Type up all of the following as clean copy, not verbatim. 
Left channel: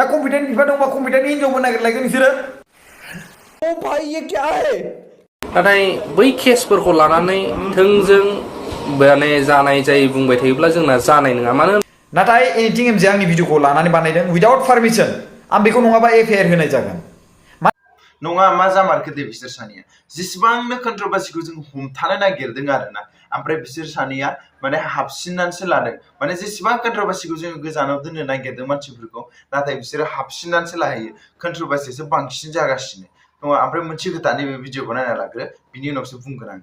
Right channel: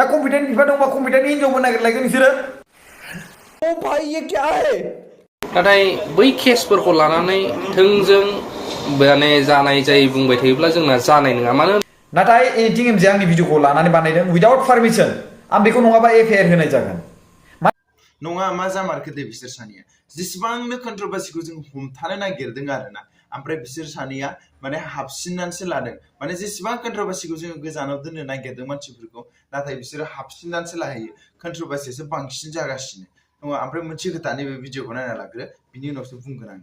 दा कम्पिटेन्ट बिफा दंबा कम्पिटेन्ट हिनजावबो नागिरलायगोन नोंसोरो ओ भाई ये क्या है नाथाय बै केसफोरखौ लानानै थोंजों माने जानाय जायै बुंबाय थायोब्ला जोंना जानाय नङा मानो नाथाय एडिटिं एमजे आंनि भिडिअखौ लानानै बानायदों उइदाउट पारमिसन आं बेखौ नङाबा एफआइआर होनाय जागोन नङा मा जामारखो दे बिसोर सानैया जेसेबांनो कन्ट्रोभार्सिखौ जों हमथानो नागिरदों आरोना ओमफ्राय बिसोर सानैया माने हाबसिननानैसो लादों माने जेसेबां कन्ट्रोभार्सिखौ जों गोजानाव दोननो नागिरदों मानसिफोरखौ नाथाय बिसोरो हाबसिननानैसो लाहैयो कन्ट्रोभार्सियासो बांसिन जागासिनो नङा ओमफ्राय मोनसे खोथा नैबे भिडिअखौ नायना लाग्रो बिनि उनावसो बुंगोन आं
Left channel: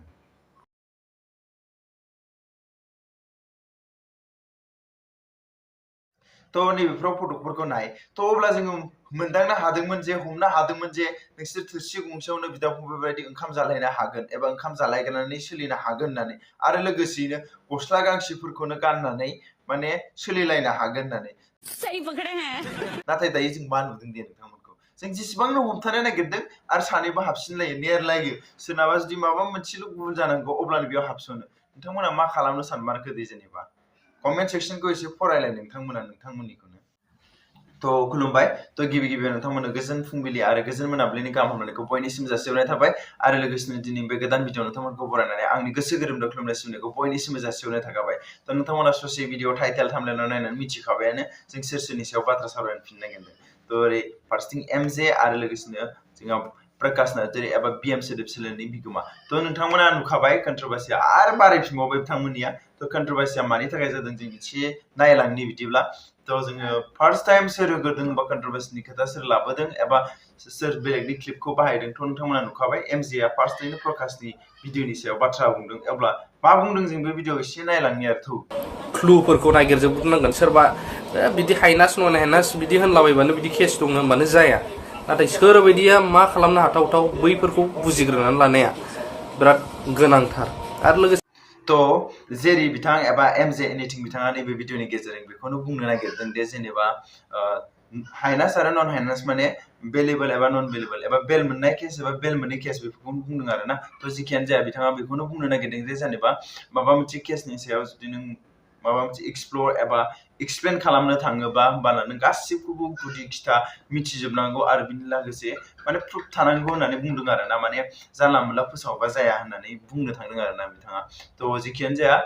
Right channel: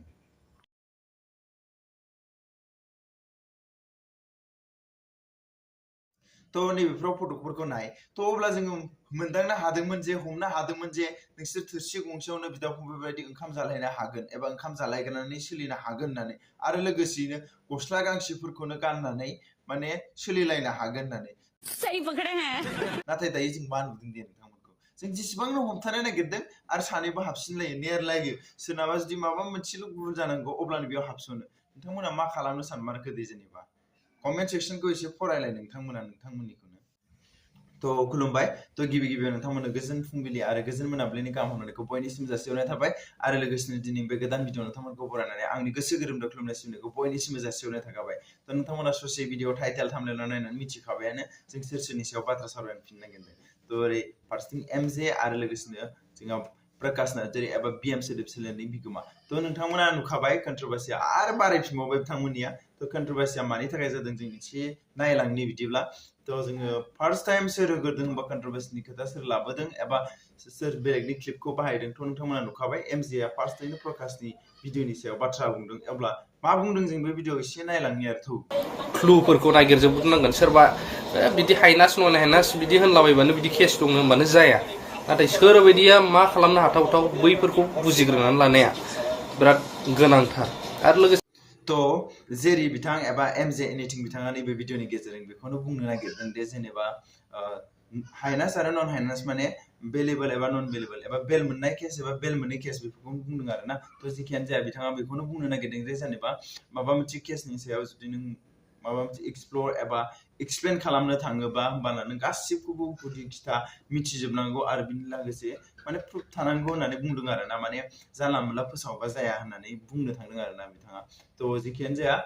तो नैबेफ्राव फटकफोरखौ नाय तो अब्ला जोङो मोनदांनो हादोंमोन जे हमनो हादोंमोन जे नोंसोर थोरसि गंसेयावनो बिदा फंबाय बायदि ओंखाम जालायनो हागोन एबा ओंखाम जालायनानै सोलिनो हागोन होननानै आरो लोगोसेयैनो गस्ला गांसेफोरखौनो गाननानै माने सोलिलायनो हागोन होननानै नाथाय दायो जों मा नुदों दे नोंथांमोनखौ जों जेसेबांनो हमथानो नागिरदों आरो सानैबो हाबसिनलायो नेरलायो सोरनाबा जुदि माबा मोनसेल' भुल जानांगौ अब्लानो बेयाव हाबसनो नोंथांमोना मा खालामनो सानमारखो दे जेनेबा कमेन्ट सेक्शनखौ एसे फरायलाय नोंथांमोननिखौनो तो खुलुमबाय तो गिबि गिबियाव नोंथांमोननो गोजोन फुंबिलि आरो गोजोन मोनाबिलिनि गाहाम हामलायनायखौ बयनिसिम जासिहरनाय थाबाय आरो लोगोसेनो दिनै बे गोदान भिडिअ नोंथांमोनखौ बरायनानै आंनि गोसो गोरबोनिफ्राय खुलुमनाय सिबिनायखौ बयनिसिमबो जासिहरनाय थाखाबाय तो नोंथांमोना ससे भिडिअ टाइटेल थाम्बनेलाव नायनानै मिथिखाबायानो जों सोर सोरनि सायाव बाथ्रा सावरायनो फिननो नागिरदों तो ओरै फारसेथिं एमजे आरो लोगोसेनो जोंहा प्रकाश नार्जारी एबा बिएम सोदोब सोलोनि बिगोमा तो नोंथांमोना नुखाबाय कन्ट्रोभार्सिया आरो बारायफिनबावबाय बिथांमोननिया तो कन्ट्रोभार्सिया मानि थाखाय जादों जों एसे नायलांनि बिदिब्ला तो जोङो फार्स्ट टाइम सोर होग्रोदों बा कन्ट्रोभार्सिनि खोथा सोर लाबोदों एबा सोर बेलेगनि क्लिपखौ बाहायदों तो नोंथांमोना नुखाबाय एमजेआ फार्स्टैनो प्रकाशनि भिडिअनि सायाव बाथ्रा बुंदों अब्ला मा बुंदों जों बे भिडिअ एसे नायलांनि आरो थौ क्लुफोरखौ नागिरजोबनांगोन सोरबा बिदि हाइनास नन हाइनास बिदि होनलाबायबानो बिदि केस दङ होनबानो जाया नाथाय सोरबायदिया मा खालामनो हाथावथाव बैफोरखौ बुजिग्रोनानै लानाया बिराद गोनांथार आरो लोगोसे तो जेरै बिथां एबा एमजे एनिथिं बिथाङा नैबे भिडिअनि गेजेरजों बेखौनो बुंनो नागिरदों दे जेनेबा हाइनास आरो नन हाइनास माने बेलेबल एबा नन बेलेबल एबा बेल मोननाय केस एबा बेल मोननाय केस बेफोरखौनो बुंदों आरो ना तो जिखियानो जाया बिथाङा बेखौनो बुंनो नागिरदों जे जेनेबा माबा मोनसे केसनि सायाव जुदि नों माबा मोनसे एक्सप्लर एबा एक्सप्लेन खालामनो थाङोबा होमबाना नों गासिबखौबो गुदि खिथा मिथिजोबनांगौ आरो बिनि लोगोसे माने प्रुफ थानांगौ होननानै बुंदों आरो ना माने जानला मोनला फोसावबा जाया होननानै बुंनो थांदों आरो ना बिथाङा तो जिखियानो जाया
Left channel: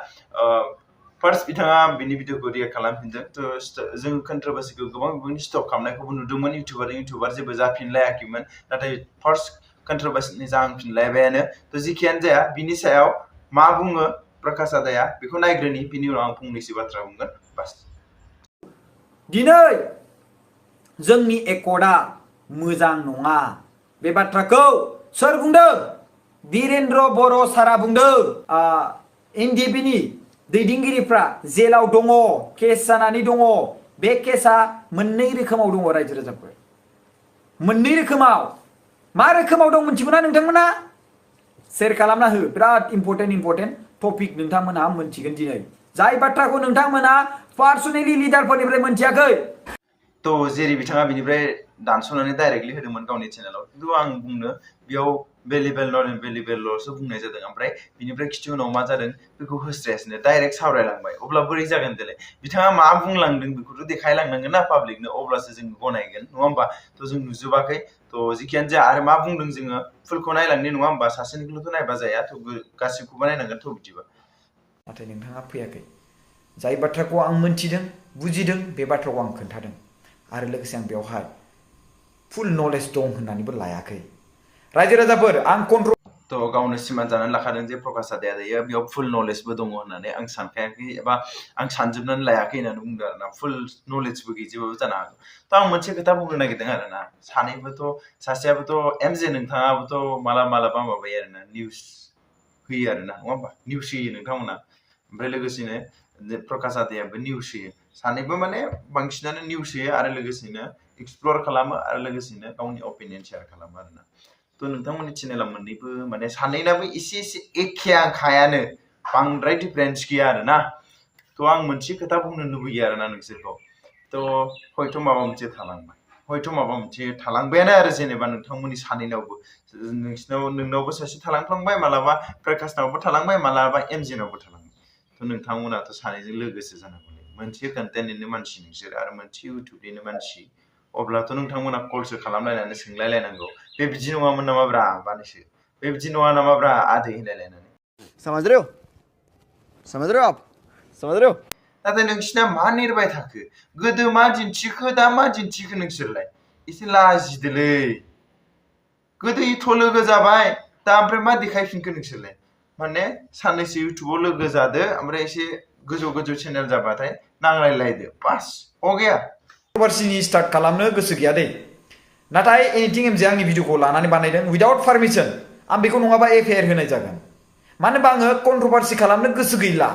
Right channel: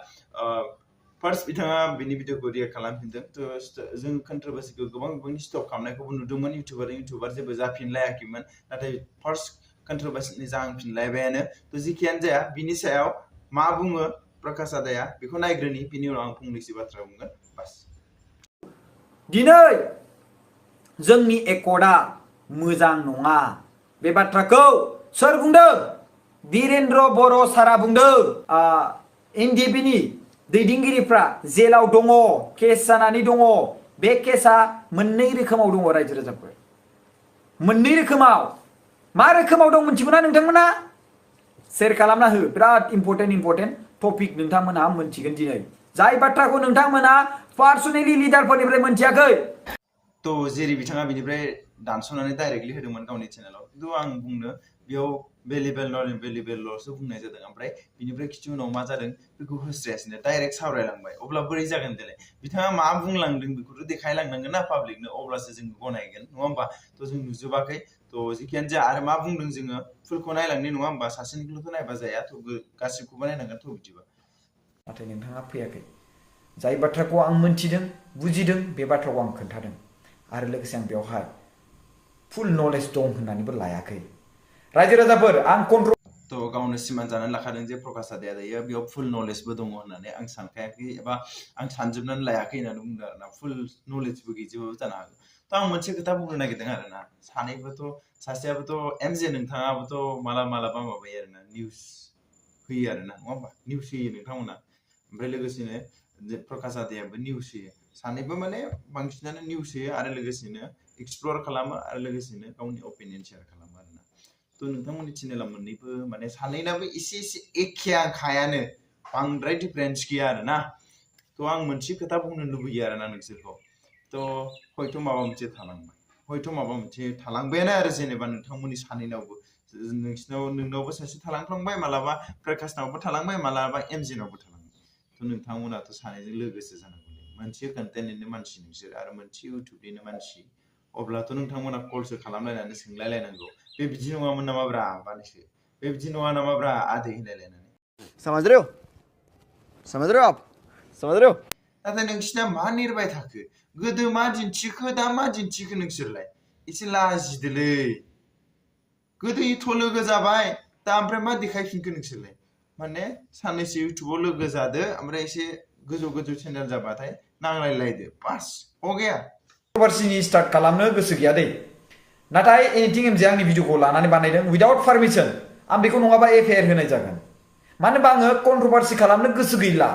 फार्स्ट बिथाङा बिनि भिडिअखौ रिएक्ट खालामफिनदों तो जों कन्ट्रोभार्सिखौ गोबां बिबांनि स्टप खालामनायखौबो नुदोंमोन इउटिउबार जेबो जाफिनलायाखैमोन नाथाय फार्स्ट कन्ट्रोभार्सिनि जाहांफिनलायबायानो तो जिखियानो जाया बिनि सायाव मा बुङो प्रकाश आदाया बेखौ नायग्रोनि बिनि उनाव आं फंनैसो बाथ्रा बुंगोन बास दिनै जोंनि एकर्डआ मोजां नङा बे बाथ्राखौ सोर बुंदों वीरेन्द्र बर' सारा बुंदों एनडिएफबिनि दैदेनगिरिफ्रा जेलाव दङ केस जानानै दङ बे केसआ मोननै रोखोमाव दङ रायजो राजाफोर मोननै रोखोमाव मा रोखोमाव दं मोनथिगौना नोंथांमोना शेयार खालामना हो बिराद इम्पर्टेन्ट टपिक नोंथांमोना मोनथिगोन दिनै जाय बाथ्राखौ नोंथांमोना पार्सनेलि लिडारफोरनिफ्राय मोनथियाखै तो जेरै बिथाङा बिनिफ्राय दानस'नानै डाइरेक्टलि होदोंमोन गावनि चेनेलाव खिन्थु आं बुंनो बेयाव बेलेबेल नन बेलेबेलल'सो बुंनाय जादों ओमफ्राय बिनिफ्राय खिथि उनाव मा जादों बेखौ होस्रायासैनो डाइरेक्ट सावरायलांबाय अब्ला बोरै जागोन देलाय बिथाङा मा बुंलांदों बेखौथ' देखायलांनांगोन ना पाब्लिकनो अब्लासो जों गनायगोन नङा होमबा तो जों नुजोबाखै तो जिखियानो जाया आरो मा बुंदों जोङो फुलखौ नायलांनि नङा होमबा सासेनिखौल'थ' नायबा जाया तो गासिबखौबो नायनांगोन तो बिदिबा नाथाय नोंथाङा फैयाखै जाय बाथ्राखौ आं मोनथिदों बुजिदों बे बाथ्राखौ आं खोन्थादों आरो लोगोसे आं बेवहाय फुल नलेज दं होननानैबो लायाखै रायजो राजाफोर आं कन्ट्रल तो गावनो सिमान जानानै लाखादों जे प्रकाश आदाया दायो बेयाव फुल नलेजबो दङ होननानै आं सानखायाखै एबा आं सानजोबनानै लायाखै होननानै बुंदों आरोना फुल नलेजबो गैजोबाबो जानो हागौ तो आं मोनसे खोथा बुंनो नागिरदों आरोना सानैबोथ' सासेयाबोथ' एमजे नोंथाङाबोथ' मालाबा माबायो आरोना निउस होयो आरोना नङा होमबा निउस होयो नोंथांमोना ओमफ्राय लोगोसेनो प्रकाश आदायाबो निउस होयो सानैबो माने बांसिनानो निउस होयो आरो लोगोसेनो एक्सप्लर खालामो आरो लोगोसेनो गावनि अपिनियन शेयार खालामो आरोना तो नोंथांमोननि चेनेला मोननैबो माने सानैनाबो एसे एखेयानो बांद्राय डिफारेन्स गैया आरोना तो आं मोनसे खोथा बुंनो लुबैयो आरोना नोंसोरखौ तो हयथ' माबा मोनसे थालांबायानो आरो जेनेबा नोंथांमोननि सानैनावबो नोंनावबो सासे थालांफ्लांबाय मालाबा प्रकाशनावबो थालांबाय मालाबा एमजेनावबो थालांबाय तो नोंथांमोनाथ' सानैजों लोगोसो जानांगौ मोनसे कन्टेन्टनिनो मानसि नोंसोर आरो मोनसे इउटिउबनिनो मानसि अब्लाथ' नोंथांमोना कलसो खालामलायनानै सोंलायलायनांगौ बे बिदि नङामोन नामाब्रा बानैसो बे बिदि नङा नामाब्रा आदै होनलायलायनानै समझ रहे हो आप समझ रहे हो नाथाय नोंसिना मा नेरबाय थाखो गोदो मा दिन्थिखो दा मा दिन्थिखो नोंसोरलाय एसे लाजिदोलै गोदो इथ' लोगो जाबाय दा ओमफ्राय मा देखायफिनखो नोंसोरलाय माने साननैसो इउटुबाव लोगो जादो ओमफ्राय एसे गोजौ चेनेल जाबाथाय नांलायलायदो बास अगेया कन्ट्रभार्सिनि स्टार्ट खालामनो गोसो गैया दै नाथाय एनिथिं एमजे आंनि भिडिअखौ लानानै बानायदों उइदाउट पारमिसन आं बेखौ नङाबा एफआइआर होनाय जागोन मानो होनबा आङो कन्ट्रभार्सि खालामनो गोसो गैला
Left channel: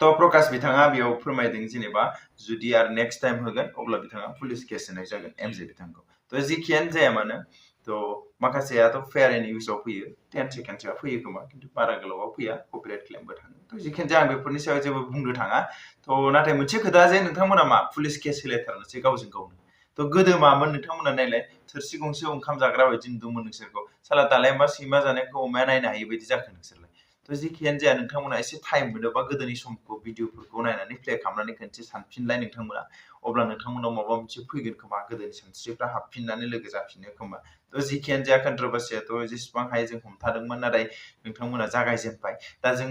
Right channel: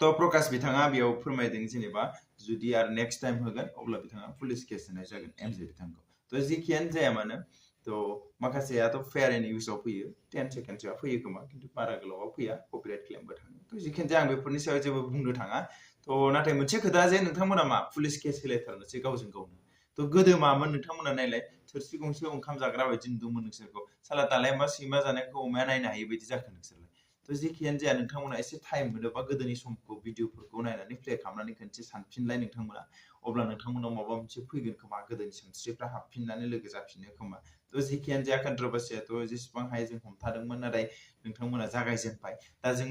तो प्रकाश बिथाङा बेयाव फोरमायदों जेनेबा जुदि आरो नेक्स्ट टाइम होगोन अब्ला बिथाङा पुलिस केस होनाय जागोन एमजे बिथांखौ तो जिखियानो जाया मानो तो माखासेयाथ' फेयार एन्ड इउजआव फैयो 10 सेकेन्डसोआ फैयो खोमा खिन्थु बारा गोलावाव फैया कपिराइट क्लेमबो थाङो तो जिखियानो जाया आं बेफोरनि सायाव जेबो बुंनो थाङा तो नाथाय मोनसे खोथा जे नोंथांमोना मा पुलिस केस होलायथारनोसै गावजों गावनो तो गोदो मामोन नोंथांमोना नायलाय थोरसि गंसे ओंखाम जाग्रा बायदि नुदोंमोन नोंसोरखौ साला दालाय मा सैमा जानायखौ अमाया नायनो हायि बायदि जाखो नोंसोरलाय तो जिखियानो जाया नोंथांमोना एसे टाइम मोनोबा गोदोनि समखौ भिडिअफोरखौ नायनानै प्ले खालामनानै खनसे सानफिनलाय नोंथांमोना अब्ला नोंथांमोनाव माबा मोनसे फैगोन खोमा गोदोनि सानस्रिफ्रा हाबफिननानै लोगो जाफिनो खोमा तो जिखियानो जाया कन्ट्रभार्सियाथ' जेसेबां हायो जों हमथादोंमोन नाथाय नोंथांमोना जागायजेनबाय दा जों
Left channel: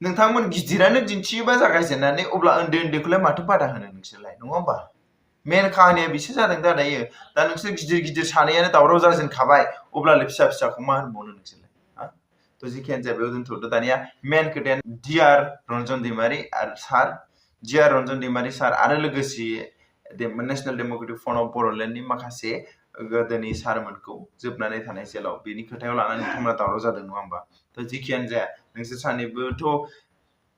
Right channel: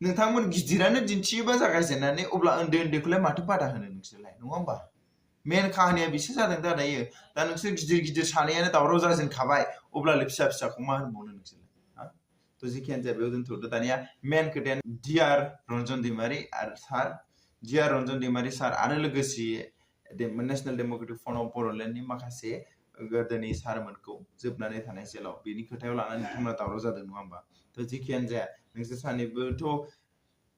नोंथांमोन गिदिरानो दिन्थियोबा जागायजेननानै अब्ला उन्दै उन्दैखौलाय माथो बादा होनो नोंसोरलाय नङा होमबा मेन खाहानिया बिसो जादों दा दायो दा नोंसोर गिदिर सानैयानो दावराव जाजेनखाबाय अब्लालाय फिसाखौ मा होनबावनो नोंसोरलाय तो जिखियानो जाया बेयाव दोनथ'दो दानिया मेन खोथाया डिआर रन्जन दैमारि आरो सार डिआर रन्जन दैमारि सार आरो लोगोसे नेशनेल डेम'क्रेटिक फ्रन्ट अफ बर'लेण्डनि माखासे गोदोनि सारमोनखौ जोबनानै थानाय जेलाव बेनि खोथायाव लानानै नोंथांमोना दावराव जादों नङा होमबा तो जिखियानो जाया नोंसोर सानैबोथ'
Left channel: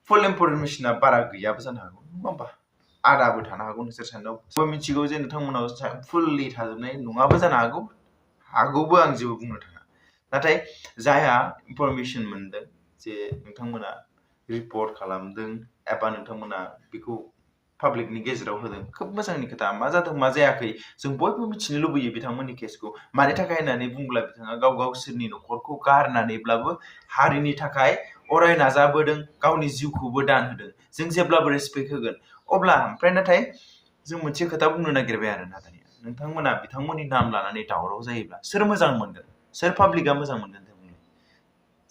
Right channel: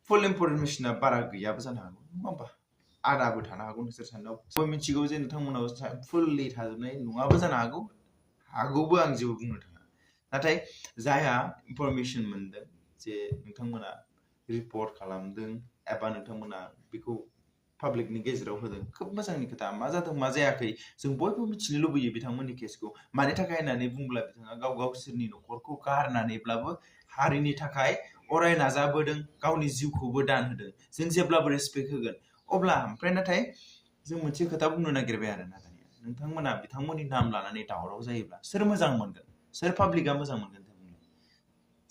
फुल इनफरमेशना बारा गैयाबो जानो हागौ नङा होमबा आदाबो थानो हागौ नोंसोर सानैनाव मिथिगौ जे नोंथांमोनाव फुल्लि थाजोबनाय नङाबो जानो हागौ हागौबो आं जेबो बुंनो थाङा नाथाय जायहा इनफरमेशन मोनदों जे नोंथांमोना रिपर्ट खालामदों एबा नोंथांमोना बेखौ पाब्लिकनि गेजेराव होदों खोब मोजांनि खोथा मा जादों मा जायाखै जों बयबो मिथिनो लुबैयो बिथांमोननि केसखौ मानि थाखाय होननानै बुंब्ला बिथाङा गावसोरनि न'खरखौ गारनानैब्लाबो हारिनि थाखाय अराय नाजाबोदों गावनि जिउखौबो दान होदों जों जेब्लाबो रेसपेक्ट होगोन अब्ला ओमफ्राय नाथाय जों मोनसे खोथा बुंनो नागिरबाय आरो ना दानिया नोंथांमोना बिथांमोननि नाम लानानै दावराव जायोब्ला सोर मोजां मोनगोन सोर पाब्लिकआ मोजां मोनगोन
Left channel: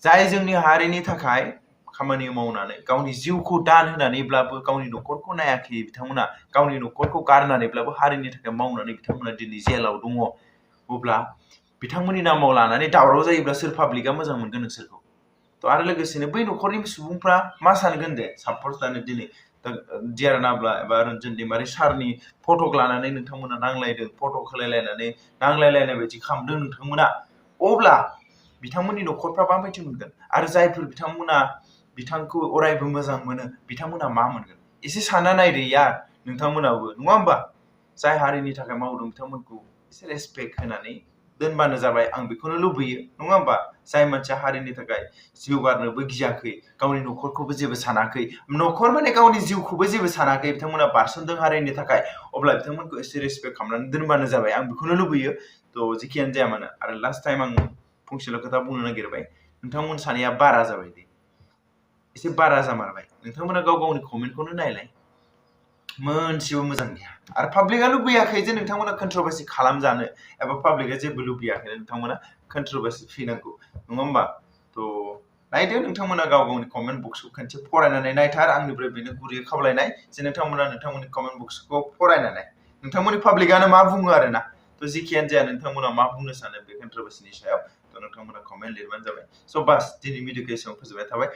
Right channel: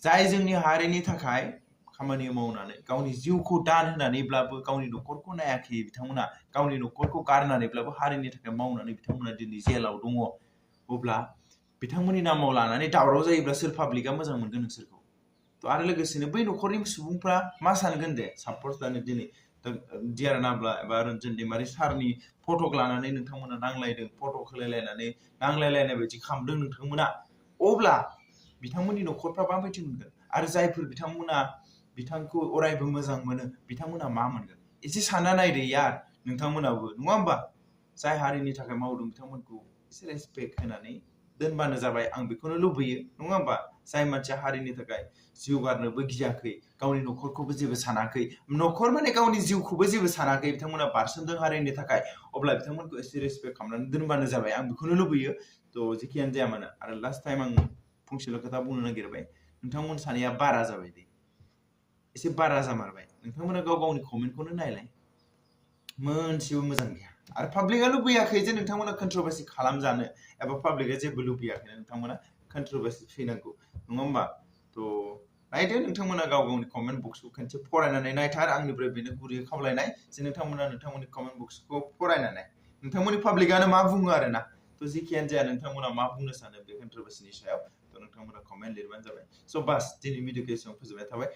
जाय जोंनि हारिनि थाखाय खामानि मावनानै गावनि जिउखौ दान होनानैब्लाबो गावनि न'खरखौ नायाखै बिथांमोना गावनि न'खरखौ गारनानैब्लाबो हारिनि थाखाय मावनानै बिथांमोना दिनै जेलाव दङ अब्ला बिथांमोननि नामाव लानानै दावराव जायोब्ला सोर पाब्लिकआ मोजां मोनगोन नोंसोरखौ तो आरो लोगोसेनो बै न'खरनि सुबुंफ्रा मा सानगोन दे साप'ज दानो दिनै डिआर नाब्ला एबा रन्जन दैमारि सारनि फटक लानानै नोंथांमोना नांलायदों फटक होलायलायनानै नांलायलायनाय बायदि खालामदों नोंथांमोना अब्ला बिथांमोननि न'खरफ्रा माबायदि मोनगोन आरो जायफोर बिथांमोना बिथांखौ अरायबो मोजां मोनो बिथांमोना मा मोनगोन एसे सानना नायदो यार नोंथांमोनाबो नङा होमबा जाय हारिनि थाखाय मावदों बिथांमोनखौ एसे रेसपेक्ट होनानै दोनबानो जाबाय आं बेखौनो लुबैयो नङा होमबा जाय मानसिया हारिनि थाखाय जिउ गारनोबो गियाखै गावनि न'खरखौबो जेबो सानाखै न'खर माने गावनि जिउखौबो जेबो सानाखै बिथांमोना बारसोमदों हारिनि थाखाय अब्ला बिथांमोनखौ एसे रेसपेक्ट खालामनानै दोनबानो जाबाय आं बेखौनो लुबैयो तो जिखियानो जाया मानो आरो लास्ट टाइम आं फंसेल' खोथा बुंनो नागिरबाय नोंथांमोन सानैया बारा जाबाय दे एसे बारा जामारबाय नोंथांमोना गाव गावनि कमेन्टखौनो नायलाय मोनसेबो मोजां गैया आरो पाब्लिकआ लुबैयाखै जे नोंथांमोना कन्ट्रभार्सि खालामजानो एबा पाब्लिकआ जेबो लुबैयाखै नोंथांमोना कन्ट्रभार्सि फैनांगौ नङा होमबा तो नायदो नोंथांमोना गाव गावनि कमेन्ट बक्सखौ खनसे फरायनानै नायथार आंनिफ्राय बेनो गुरैयै खावलायनाय जे नोंथांमोना नोंथांमोननि कमेन्ट बक्सखौ फरायनानै नोंथांमोननि पाब्लिकआनो मा बुङो आरो ना तो जिखियानो जाया नोंथांमोना मा बुंनो सानो बे कन्ट्रभार्सिनि सायाव तो नोंथांमोना कमेन्ट लिरबानो जाबाय स' बास दिनै भिडिअखौ एसेबां फोजोबनाय थाबाय